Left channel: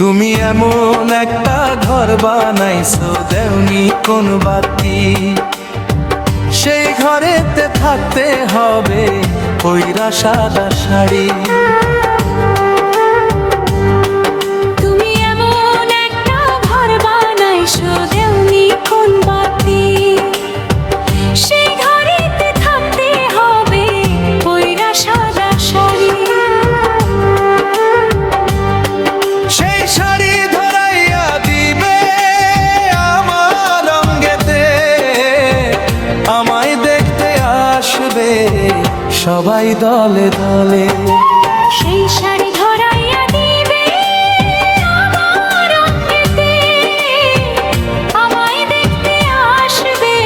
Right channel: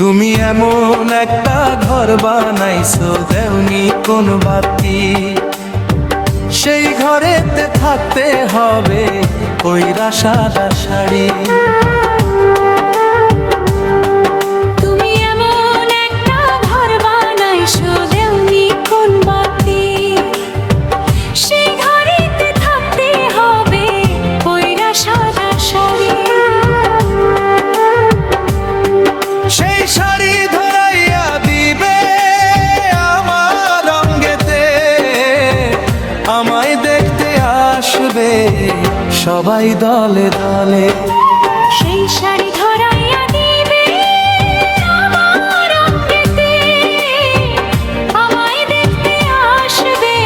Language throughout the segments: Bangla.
তুমি এমন একটা ঘর বানাইছো, দেওনি কোন বাতি। সেই ঘরেতে থাকতে হবে পইরা সাদা শাড়ি। তুমি এমন একটা ঘর বানাইছো, দেওনি কোন বাতি। সেই ঘরেতে থাকতে হবে পইরা সাদা শাড়ি। সেই শাড়ি ধরাইয়া দিবে আমার রঙ্গেতে, আমায় দেখতে আসবে সবাই দলে দলে। সেই শাড়ি ধরাইয়া দিবে আমার রঙেতে, আমায় দেখতে আসবে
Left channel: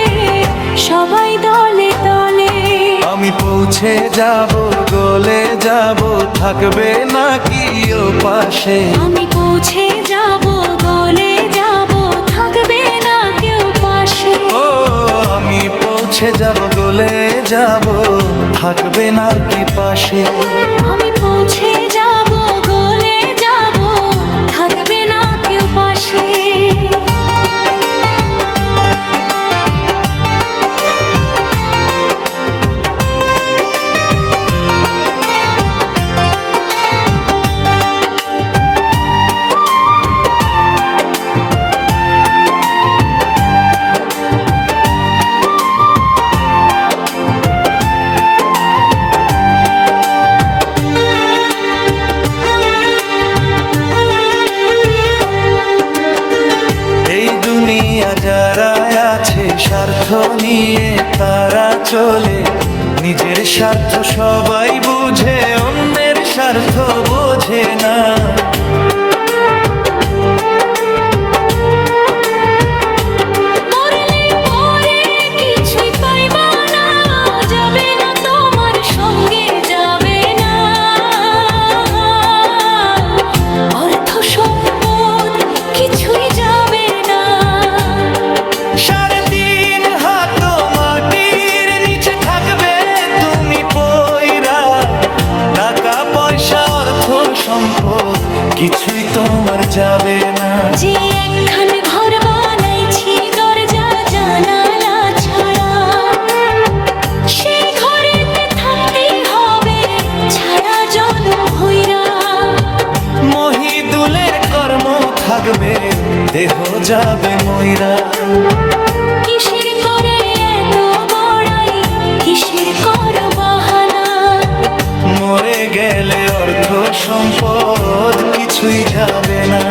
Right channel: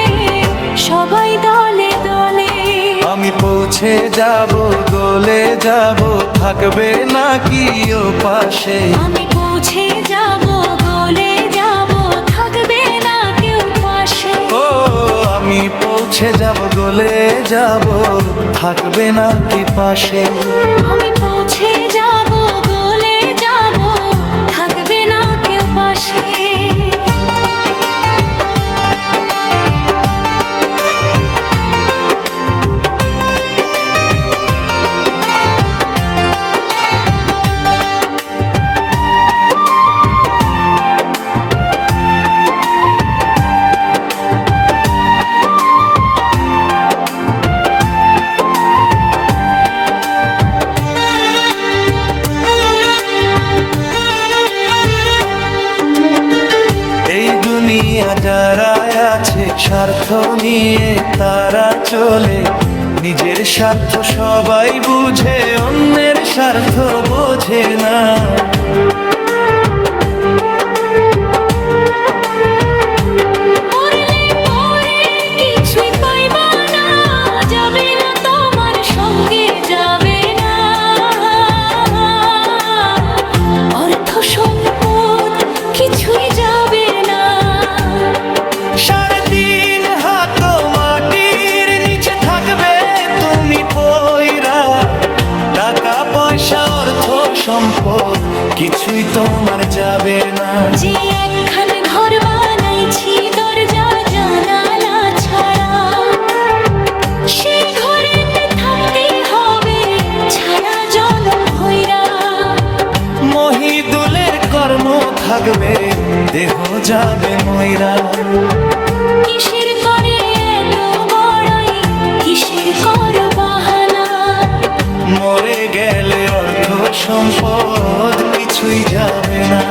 সবাই দলে দলে। আমি পৌঁছে যাব, গলে যাব, থাকবে না কি ও পাশে। আমি পৌঁছে যাব, গলে যাব, থাকবে না কেউ পাশে। ও আমি পৌঁছে যাব, গলে যাব, থাকবে না কি পাশে। আমি পৌঁছে যাব, গলে যাব, থাকবে না কেউ পাশে। এই দুনিয়া যারা আছে স্বার্থ নিয়ে তারা চলে, নিজের স্বার্থ সবাই বুঝে, অন্যের স্বার্থ বোঝে না। মরলে পরে কিছুই পাইবা না, যাবে না তোমার সঙ্গে, যাবে না অর্থ সম্পদ, কিছুই যাবে না। 3.5 হাত মাটির নিচে থাকবে তুমি পয়রা, টাকা পয়সা অর্থ সম্পদ কিছুই তোমার যাবে না। যে একখান ঘর বানাইছি দরজা জানালা ছাড়া, সেই ঘরেতে থাকতেই হবে ছাড়া জনম ভৈরা। মহিদুলের কর্ম থাকবে, দেহ যাবে ময়রা। কিসের করে এত বড়াই, কিসের কর বাহানা। মরে গেলে অর্থ সম্পদ কিছুই যাবে না।